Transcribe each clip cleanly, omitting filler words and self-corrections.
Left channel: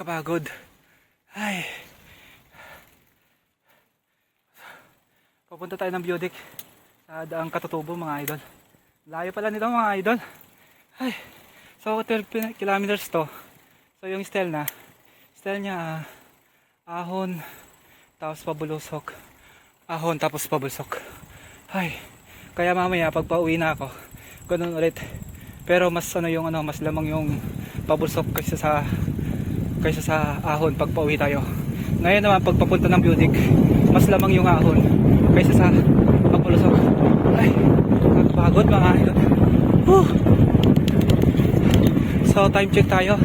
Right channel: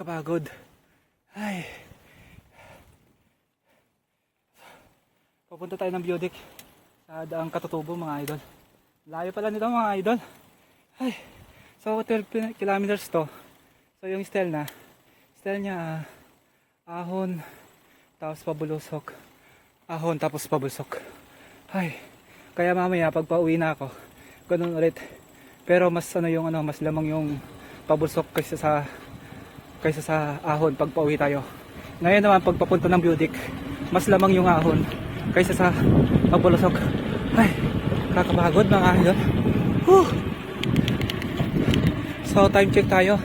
Nakakapagod. Ay. Papunta tayo ng Beaudic sa Daang Katutubo mga idol. Layo pala nito mga idol. Ay. So 12 kilometers to. So yung style niya ahon tapos pabulusok. Ahon tapos pabulsok. Ay. Kaya mamaya pag pauwi na ako, ganun ulit. Pero mas mas lamang yung pabulsok kaysa sa ahon pag pauwi tayo. Ngayon naman pag papunta ng Beaudic, mas lamang yung ahon kaysa sa pabulusok. Ay, nakakapagod mga idol. So time check tayo,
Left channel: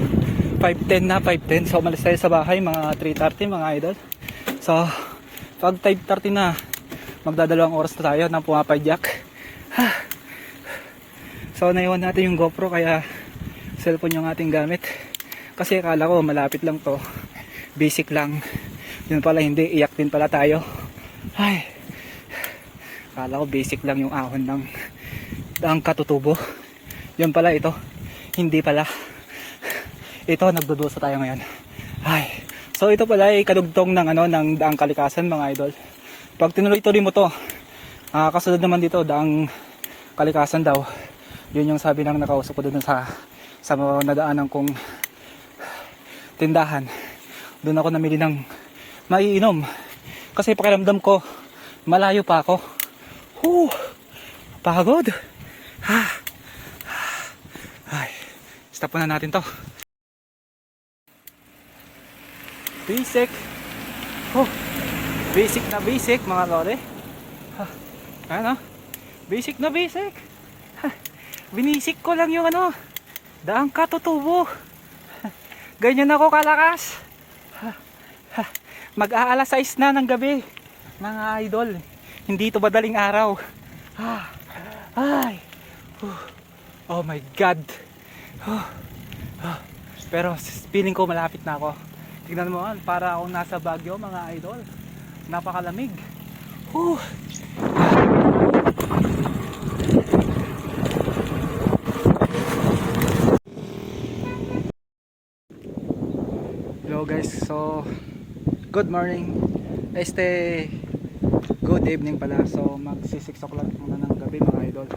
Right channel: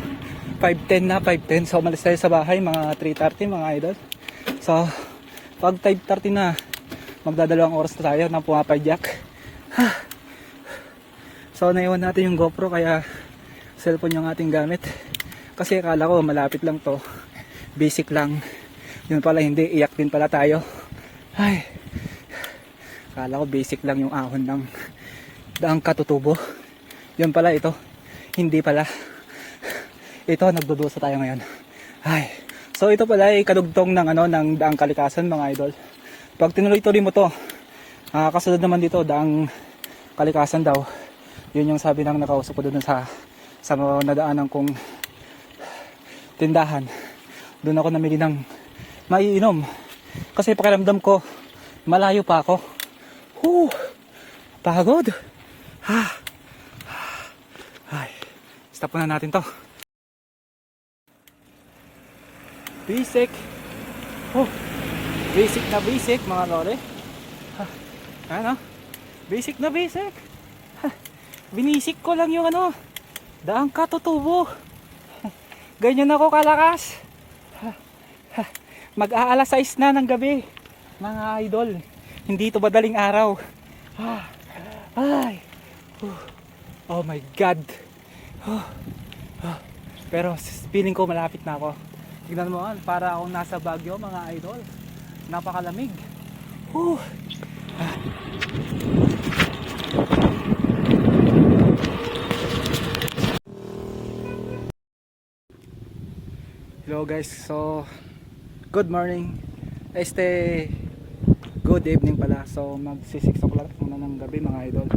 5:10 na, 5:10. So umalis tayo sa bahay mga 3:30 mga idol. So pag 5:30 na, magdadalawang oras na tayo ng pumapayyak. So naiwan natin yung GoPro, kaya cellphone yung ating gamit. Kasi akala ko malapit lang to, basic lang. Yun pala hindi, iyak din pala tayo. Ay, akala ko basic lang yung ahon ng Daang Katutubo. Yun pala ito, hindi pala. Ito, nagdudusa tayo ngayon. Ay, so ito pala ay kadugtong ng ng Daang Kalikasan mga idol. Pag tinuloy-tuloy mo to, kasunod naman dito Daang Kalikasan daw. Yun yung sabi ng nakausap ko dun sa nadaanan kong tindahan. Doon ako namili ng maiinom kasi pakiramdam ko malayo pa ako. Pagod. Ay, stop na natin to. Basic. Basic na basic mga lore. Ano? Basic na basic. Binisik ko lang yung Daang Katutubo. Ganyan ako kalakas. Mag-aalas 6 na ng gabi mga idol. Hindi ito madaling araw. Ay. Oh my God. Pero feeling ko malapit na ako. Tignan mo, para akong nasa Baguio mga idol. Napakalamig. Hello guys, so good morning, good evening pala. So magsi 6 o'clock muna ng gabi mga idol.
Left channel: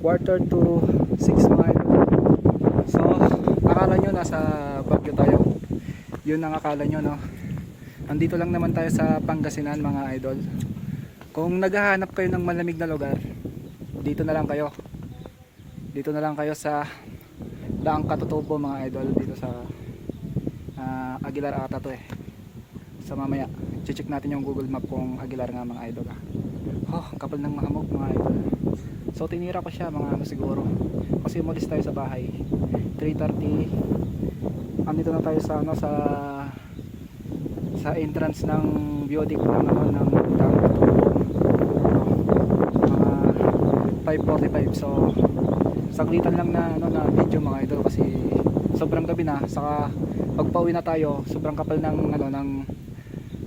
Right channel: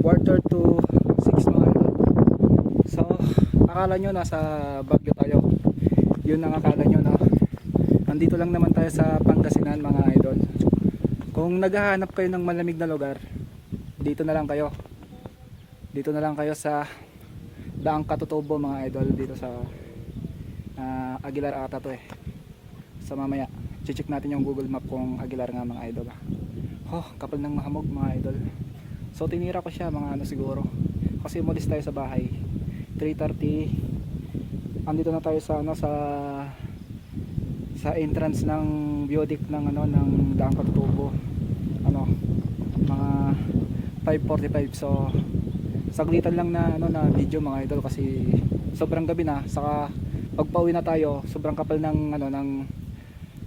Quarter to 6 mga idol. So akala nyo nasa Baguio tayo. Yun ang akala nyo, no? Nandito lang naman tayo sa Pangasinan mga idol. Kung naghahanap kayo ng malamig na lugar, dito na lang kayo. Dito na lang kayo sa Daang Katutubo mga idol, dito sa Aguilar ata to sa mamaya check natin yung Google Map kung Aguilar nga mga idol. Kapal ng mahamog mga idol. So tinira ko siya mga siguro kasi umalis tayo sa bahay 3:30. Andito na tayo sa sa entrance ng Beaudic ng ng Daang Katutubo, mga 5:45. So saglitan lang na video mga idol kasi sobrang gabi na, saka pagpauwi na tayo sobrang kapal ng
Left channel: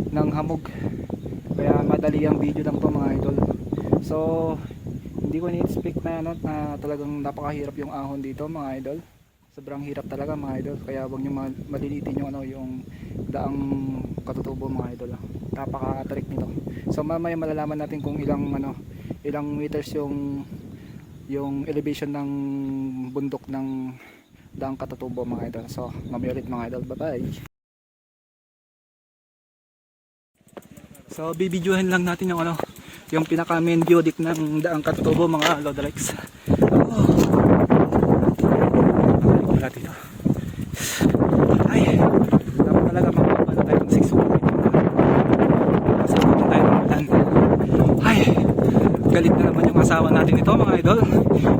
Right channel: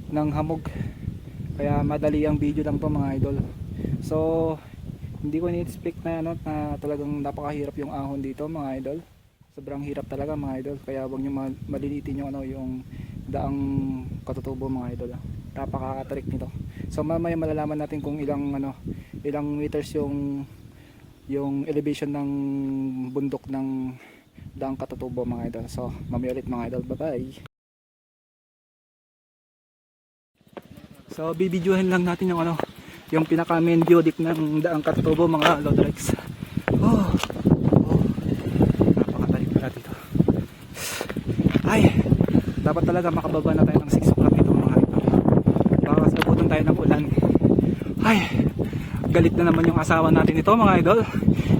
ng hamog, kaya madali ang video lang to mga idol. So hindi ko ni-expect na na talagang napakahirap yung ahon dito mga idol. Sobrang hirap talaga mga idol, kaya wag niyo malilitin yung yung Daang Katutubo mga idol. Napaka-trick nito. So mamaya malalaman natin kung ilang meters yung elevation ng bundok ng Daang Katutubo mga idol. So mamaya ulit mga idol, bye bye. So bibidyohan lang natin yung pinaka main Beaudic ng Daang Katutubo mga Lodrex. Nakabalik pala dito. Ay, dapat talaga makababa na tayo ng 6 o'clock ito mga idol. Baka sabutan tayo ng ulan. Ay, galit na naman yung asawa natin ito mga idol.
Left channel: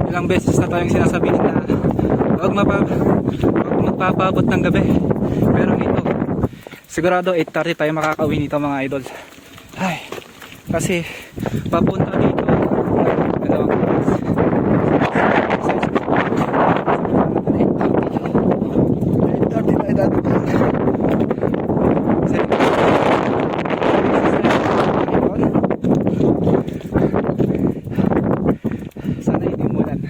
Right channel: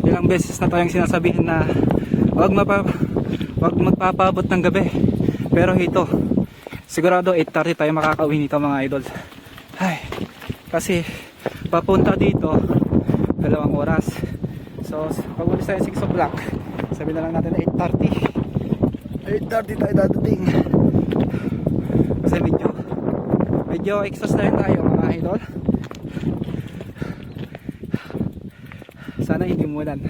Ilang beses na tayong sinasabihin na wag magpapabot ng gabi, pero ito sigurado 8:30 tayo makakauwi nito mga idol. Ay, kasi papunta dito 2 oras. So sa 6 o'clock, sabi na natin 8:30 tayo dadating. Kasi medyo exercise na mga idol. Sana hindi umulan.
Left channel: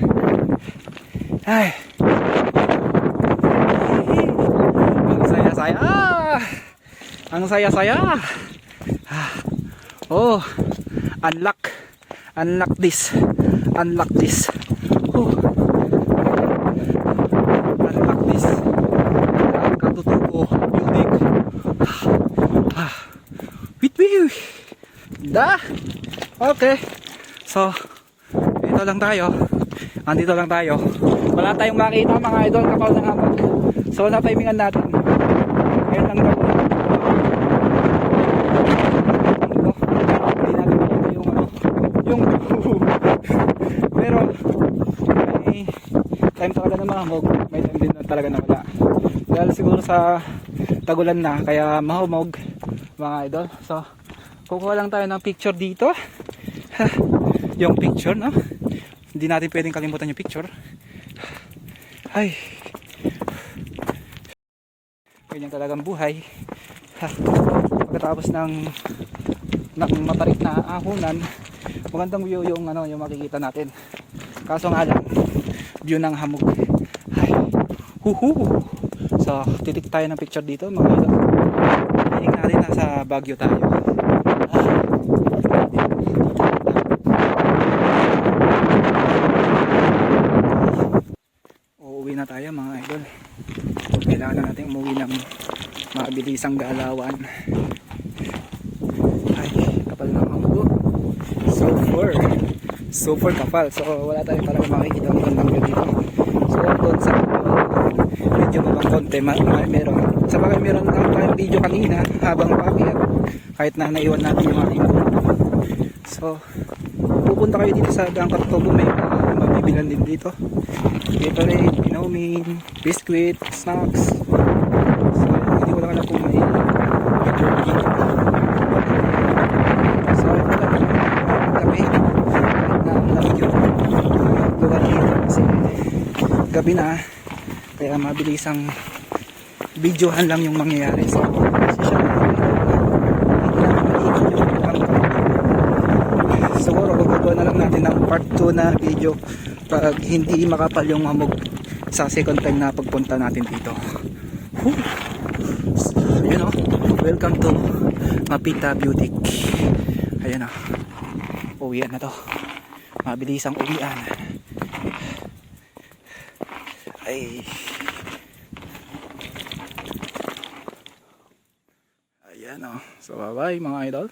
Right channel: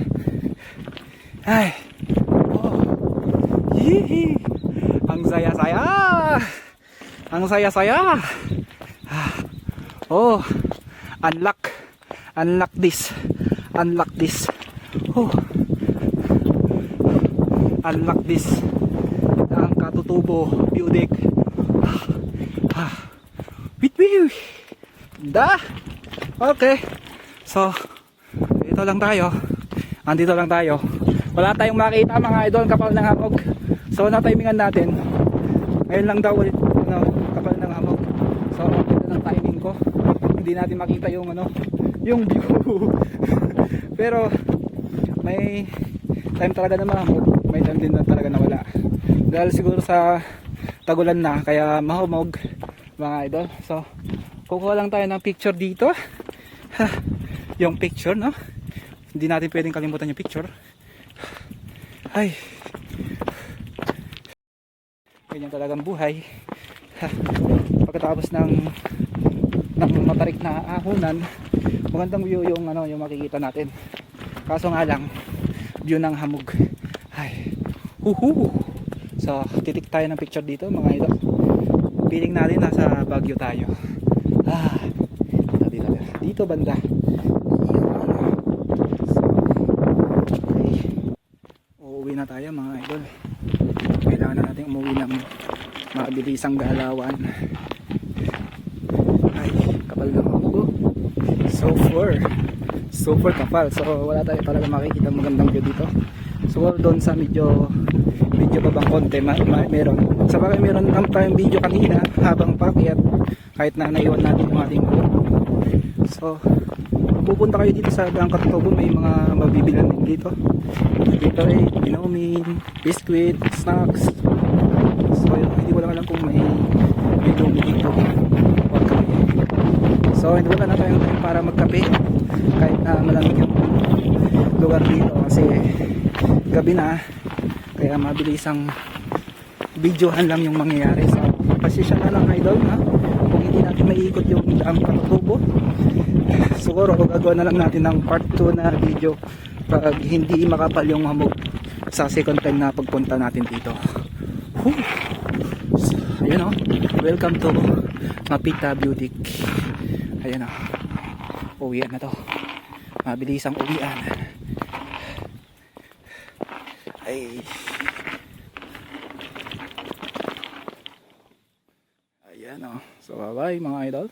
Ay. Ang saya-saya. Ang saya-saya. Oh, unlock. Unlock this. Unlock this. Oh. Unlock this. Katutubo. Building. Wait. Da. Okay. So, ito lang tayo. Andito lang tayo. Wala tayong makita mga idol kapal ng hapag. So, na-timingan natin. Ngayon lang daw ulit. Hindi natin makita yung yung pero may time talaga na mahumog. May time din na talaga na wala. Dahil siguro sa tagulan na kaya mahumog mga idol. So, kukuha lang tayo ng picture dito. Yung picture, no? Hindi natin pwedeng kalimutan yung picture. Ay. Ganyan talagang buhay. Pagkatapos ng matarik na ahunan, magandang view yung yung makikita natin. Kaso nga lang, view ng hamog. Ay. Huhu. So, titik tayo ng picture dito, mga idol. Feeling natin nasa Baguio tayo. Dito lang tayo. Uuwi na tayo mga idol. Kailangan na natin umuwi ng mabilisang galawan. Ay, kapal ng hamog. Super kapal. So wala tayong talaga makikita magandang view dito. So doon sa video pa bang konti meron. Sa bagay meron lang tayong video kanina habang papier kahit na naiwan natin yung ating phone. So pupunta kayo dito sa Bangka Tobo, may mga mabibilan din dito. Dito rin, inumin, biscuit, snacks. So hindi ko lang alam kung may video dito. So hindi lang ako para magkape kahit na malamig yung lugar dito kasi gabi na, kaya mabilis ang videohan lang yung mangyayari. So kasi siya na may daw na hindi natin maiikot yung Bangka Tobo. Siguro gagawa na lang natin ng part 2 na video pag hindi makapal yung hamog sa second time na pagpunta natin dito. So, ayun o, welcome to Mapita Beauty. Ayun o, uwian na to, mabilis ang uwian. Ay, ayan o, so bye bye mga idol.